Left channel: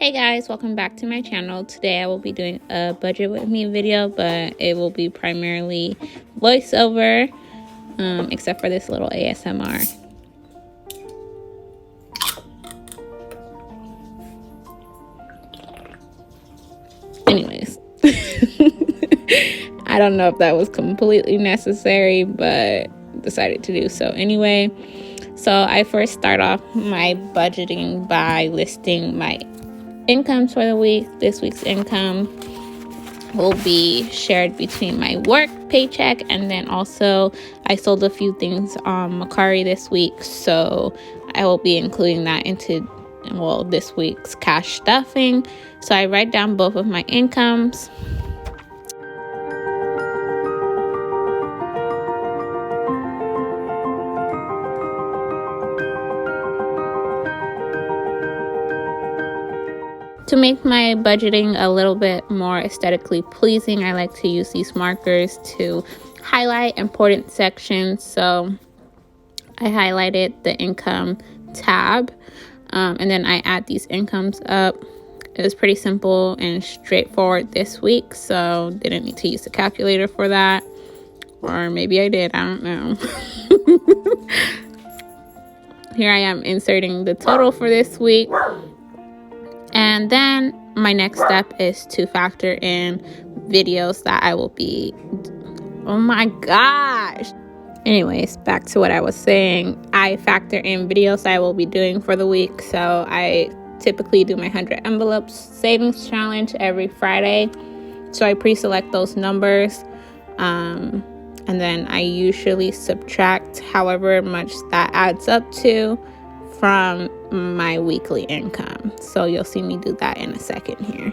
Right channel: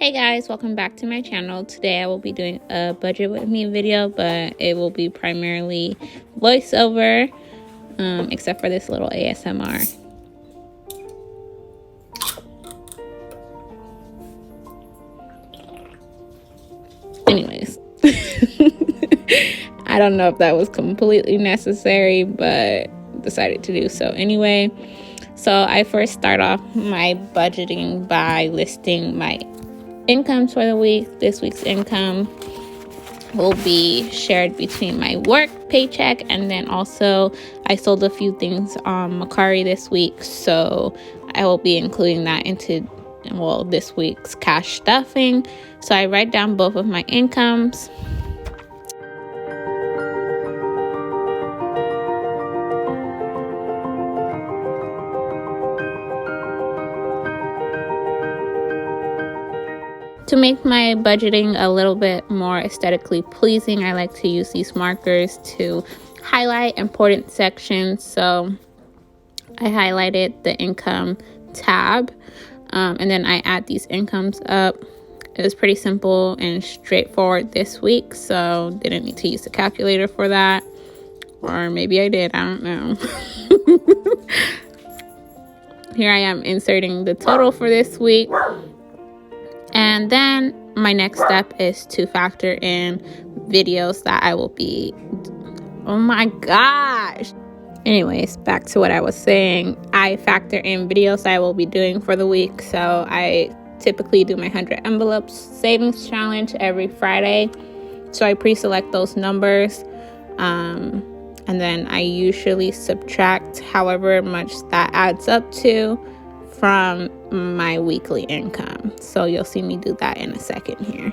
Hey guys, welcome back to my channel. Today I will be doing a budget with me video, but it will be primarily voiceover, except for this little ASMR. Anyways, I don't know if that was completely necessary, but decided to do so anyway. So I first start off my budgeting by listing my incomes for the week. This week's income will be shared between my work paycheck, and then also I sold a few things on Mercari this week, so I will be including that into this week's cash stuffing. So I write down both of my incomes. To make my budgeting a little bit more aesthetically pleasing, I like to use these markers to highlight important sections. So I highlighted the income tab, and then I add these incomes up. It was pretty simple and straightforward this week, so didn't need to use the calculator for that. Or maybe I did, I don't know. Here I am inserting the total for this week. And then my next step is to factor in videos that I will be, oh my gosh. Anyways, back to what I was saying. I factor in videos I will be doing for the week. So I typically do my 100 envelopes savings challenge every Friday. So I pre-select those numbers. And then I usually subtract however much that adds up to from my weekly income. So you'll see me do that in a second here.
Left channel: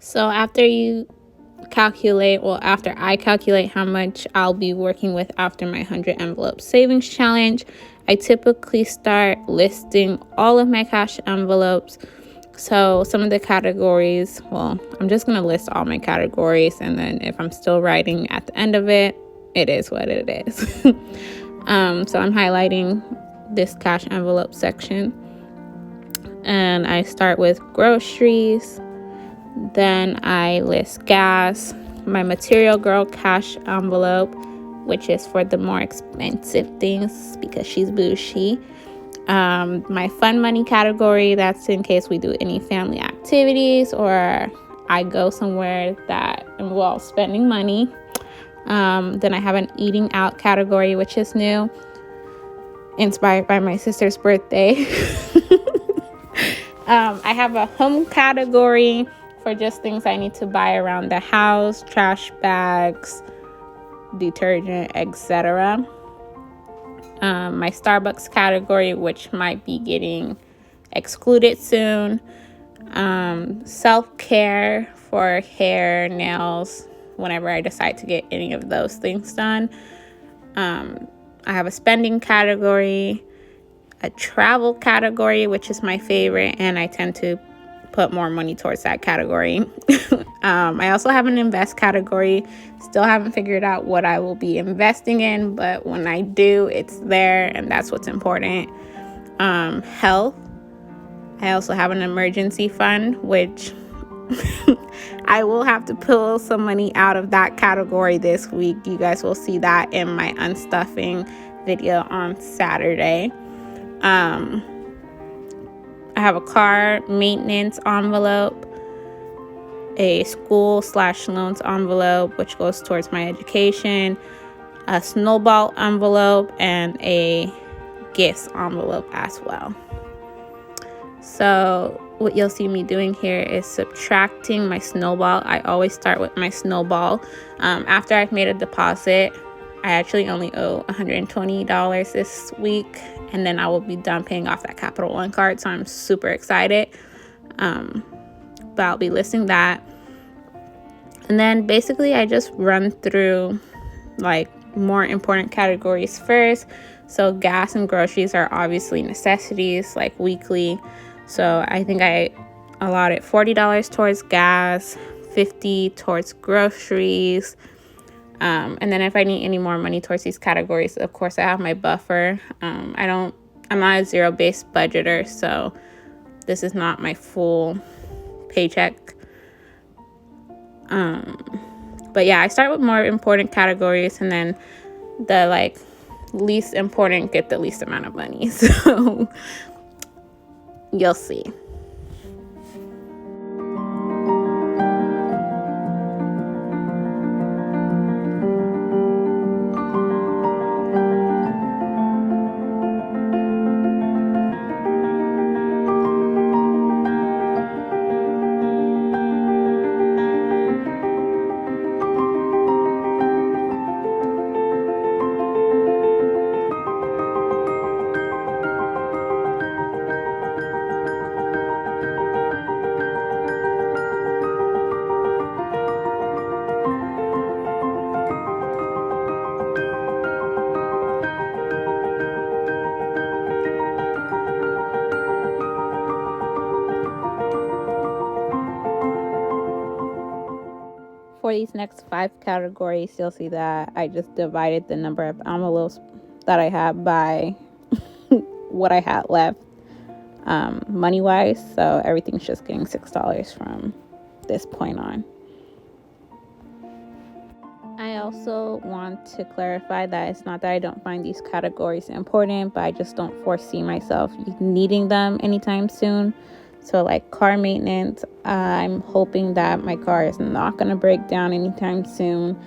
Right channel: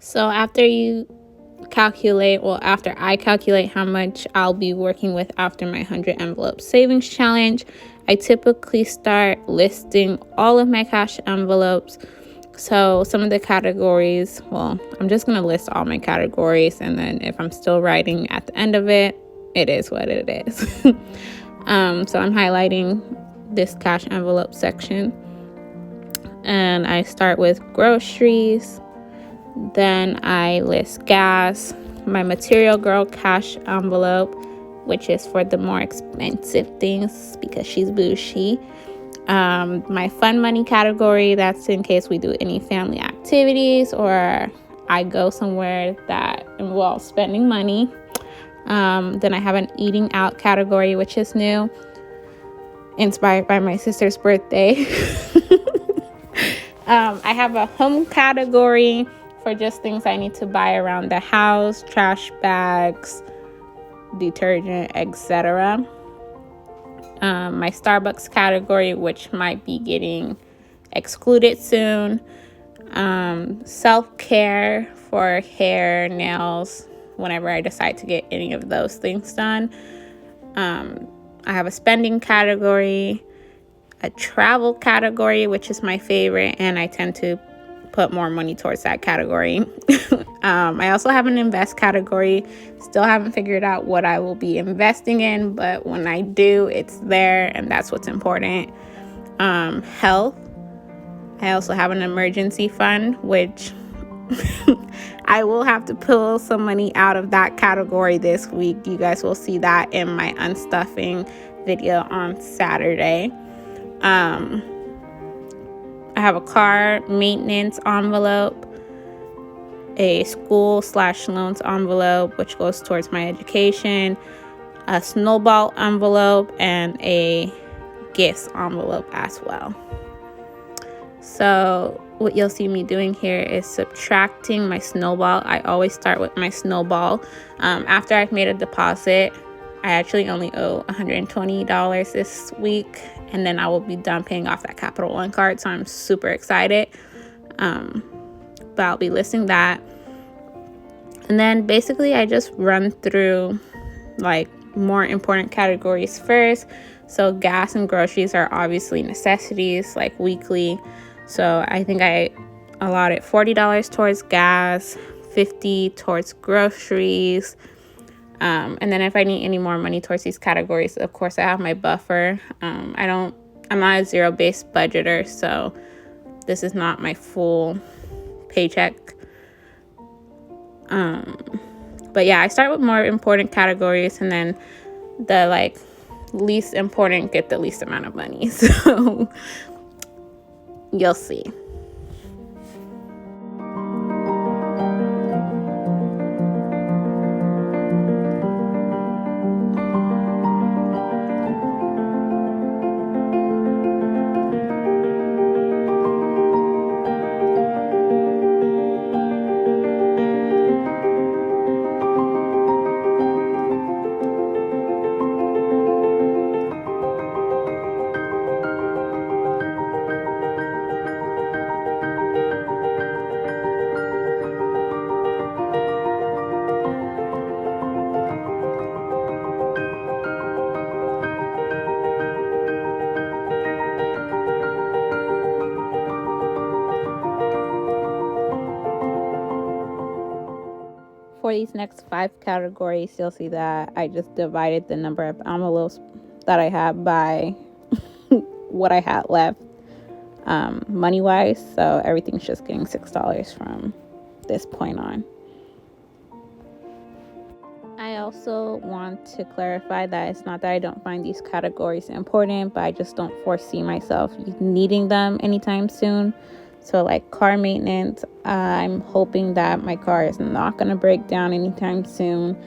So after I calculate how much I'll be working with after my 100 envelope savings challenge, I typically start listing all of my cash envelopes. So some of the categories, I'm just going to list all my categories, and then if I'm still writing at the end of it, it is what it is. So I'm highlighting this cash envelope section, and I start with groceries. Then I list gas, my Material Girl cash envelope, which is for the more expensive things because she's bougie. My fun money category, that's in case we do any family activities or I go somewhere that involves spending money. Then I have an eating out category, which is new, inspired by my sister's birthday. I have a home category for just things I need to buy around the house, trash bags, detergent, etc. My Starbucks category, which might be getting excluded soon. Self-care for hair, nails, whenever I decide to get any of those things done. I have a spending category, a travel category, which is my favorite, and I tend to put more money towards that category. I also have an invest category. Still haven't figured out what I will be investing in, but when I do, it's there, and that's what's important. Health. I also have an emergency fund, which I will have to pull some money out of that category this week. You guys will see that in my unstuffing video on Saturday. I have a car maintenance envelope, a school/loans envelope, which goes towards my education, a snowball envelope, and a gifts envelope as well. So what you'll see me doing here is subtracting my snowball. I always start with my snowball. After I've made a deposit, I actually only owe $120 this week, and then I will be done paying off that Capital One card. So I'm super excited. But I'll be listing that. And then basically I just run through like more important categories first. So gas and groceries are obviously necessities, like weekly. So I think I allotted $40 towards gas, $50 towards groceries. And then if I need any more money towards these categories, of course I have my buffer. I'm not a zero-based budgeter, so this is not my full paycheck. But yeah, I start with more important categories, and then the like least important get the least amount of money. So you'll see. For these next 5 categories, you'll see that I just divided the number of envelopes that I have by what I had left money-wise. So everything's just getting $6 from this point on. I also want to clarify that it's not that I don't find these categories important, but I just don't foresee myself needing them anytime soon. So like car maintenance, I'm hoping that my car is not going to break down anytime soon.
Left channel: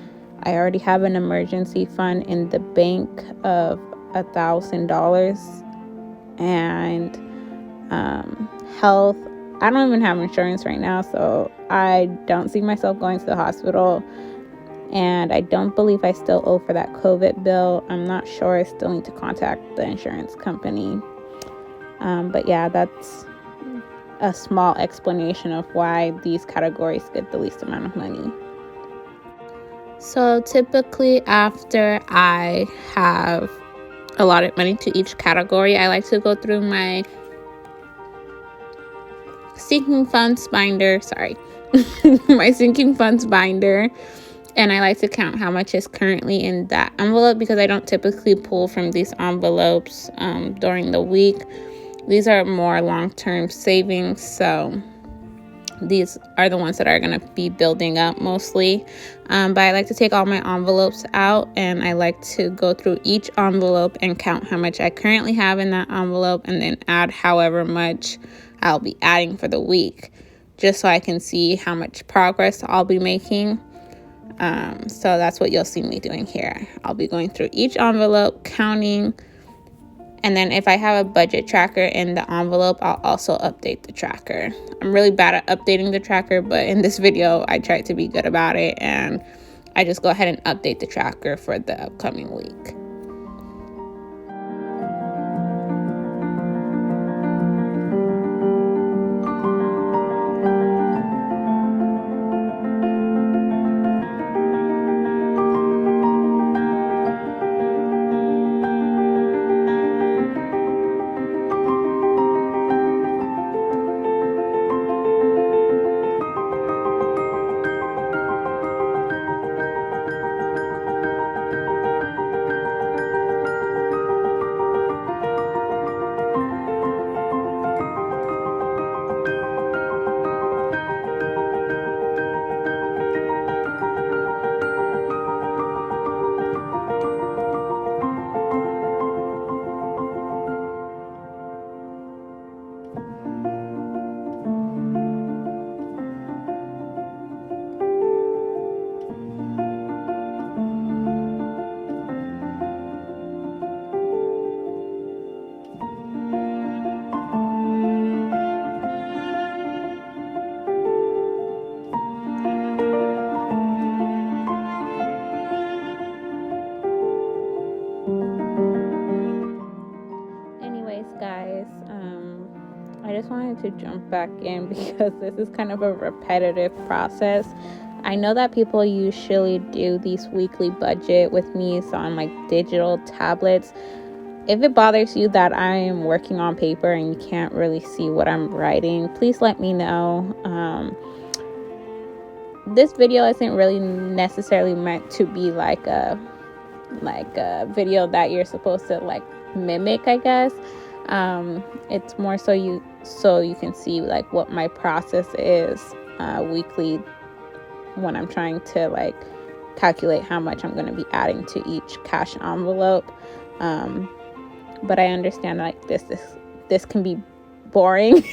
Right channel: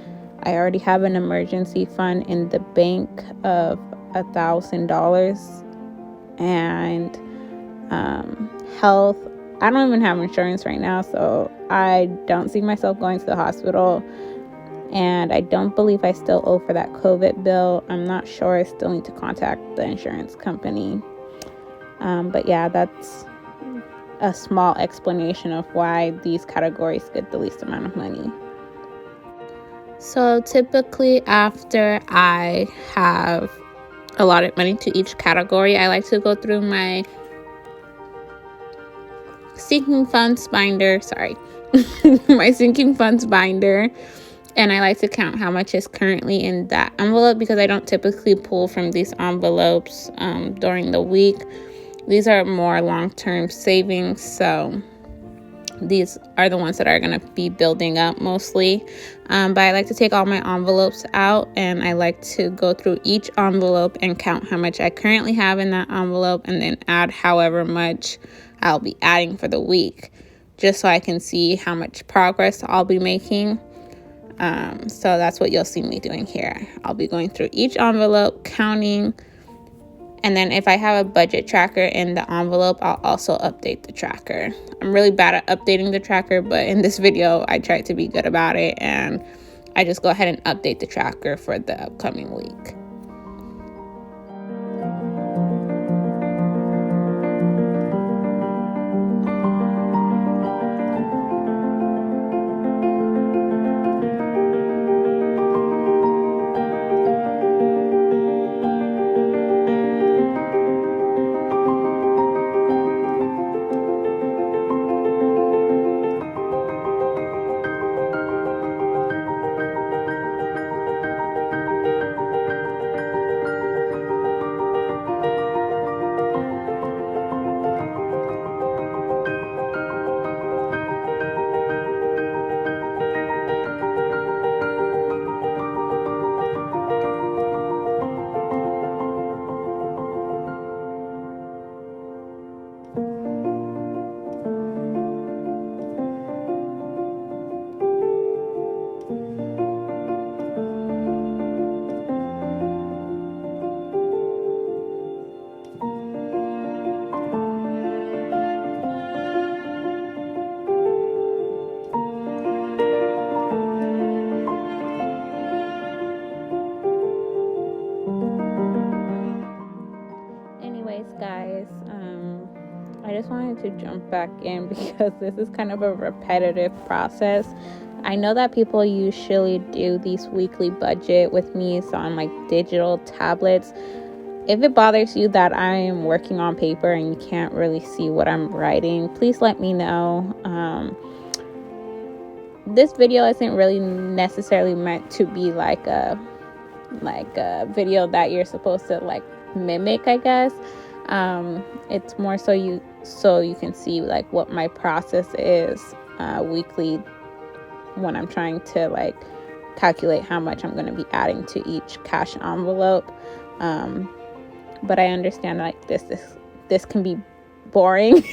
I already have an emergency fund in the bank of $1,000. And health, I don't even have insurance right now, so I don't see myself going to the hospital. And I don't believe I still owe for that COVID bill. I'm not sure. I still need to contact the insurance company. But yeah, that's a small explanation of why these categories get the least amount of money. So typically after I have allotted money to each category, I like to go through my sinking funds binder, my sinking funds binder, and I like to count how much is currently in that envelope because I don't typically pull from these envelopes during the week. These are more long-term savings, so these are the ones that are going to be building up mostly. But I like to take all my envelopes out, and I like to go through each envelope and count how much I currently have in that envelope, and then add however much I'll be adding for the week, just so I can see how much progress I'll be making. So that's what you'll see me doing here. I'll be going through each envelope, counting. And then if I have a budget tracker in the envelope, I'll also update the tracker. I'm really bad at updating the tracker, but in this video, I tried to be good about it. And I just go ahead and update the tracker for the upcoming week. Anyways, guys, I just wanted to jump back in because this is kind of a repetitive process. I know that people usually do these weekly budget with me, so on like digital tablets. If it bothers you that I am working on paper and you can't really see what I'm writing, please let me know. This video isn't really necessarily meant to be like a video that you're supposed to like mimic, I guess. It's more so you can see like what my process is weekly when I'm trying to like calculate how much I'm going to be adding to each cash envelope. But I understand like this can be boring.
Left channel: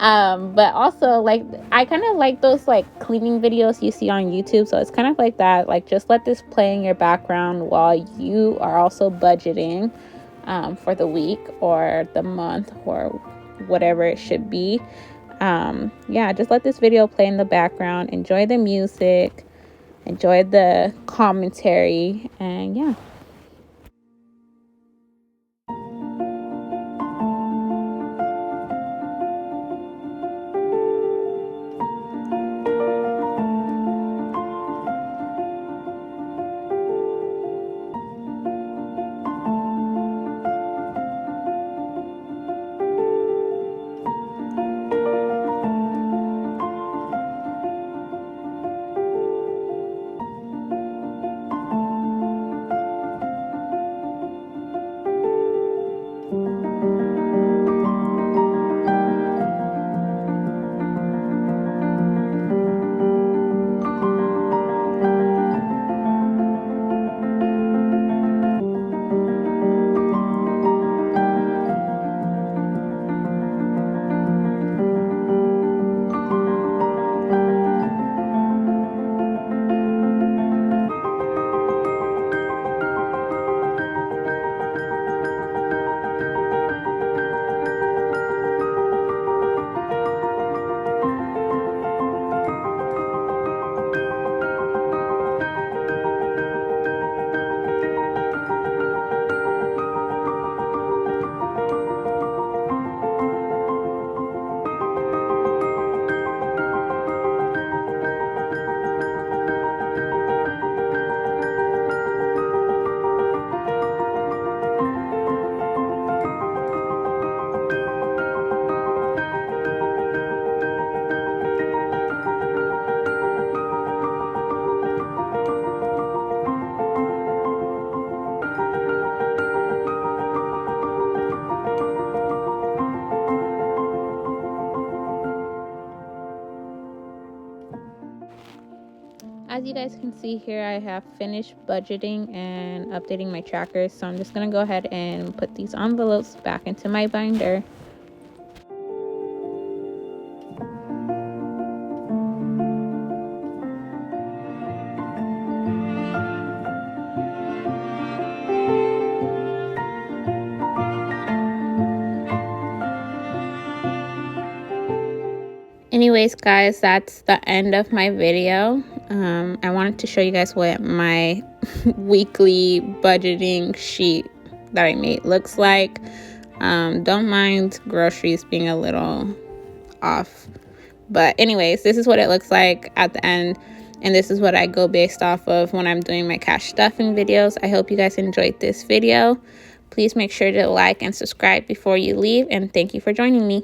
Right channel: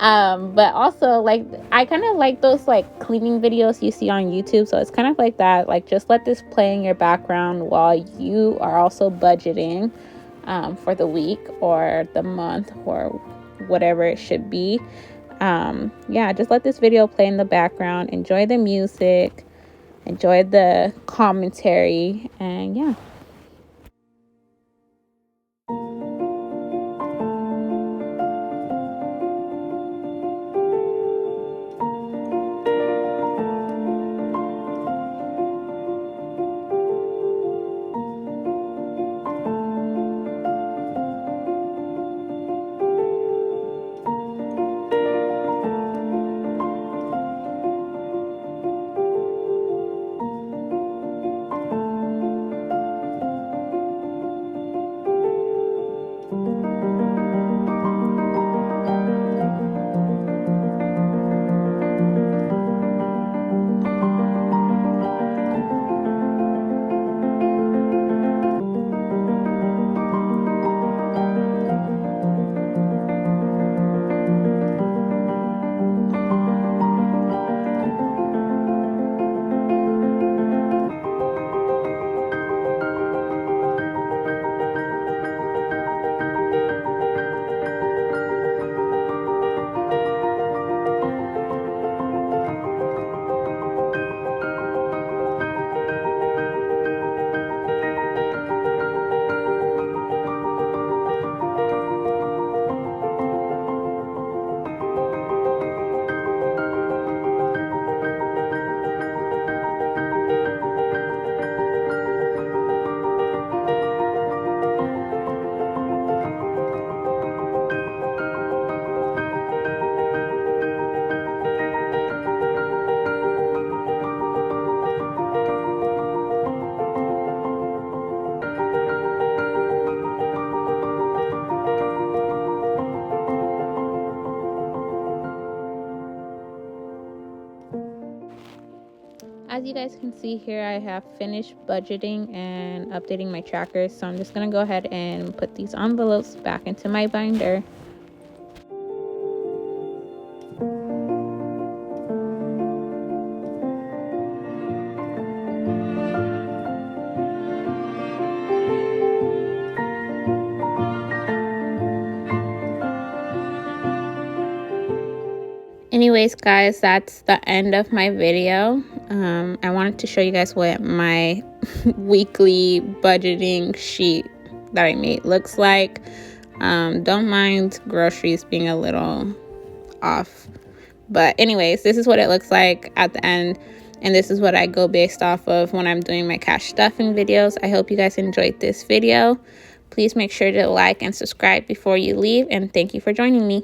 But also like I kind of like those like cleaning videos you see on YouTube, so it's kind of like that. Like just let this play in your background while you are also budgeting for the week or the month or whatever it should be. Just let this video play in the background, enjoy the music, enjoy the commentary, and yeah. As you guys can see here, I have finished budgeting and updating my trackers, so I'm just going to go ahead and put these envelopes back into my binder. Anyways, guys, that's the end of my video. I wanted to show you guys what my weekly budgeting sheet that I made looks like. Don't mind groceries being a little off. But anyways, this is what it looks like at the end. And this is what I go based off of when I'm doing my cash stuffing videos. I hope you guys enjoyed this video. Please make sure to like and subscribe before you leave. And thank you for joining me.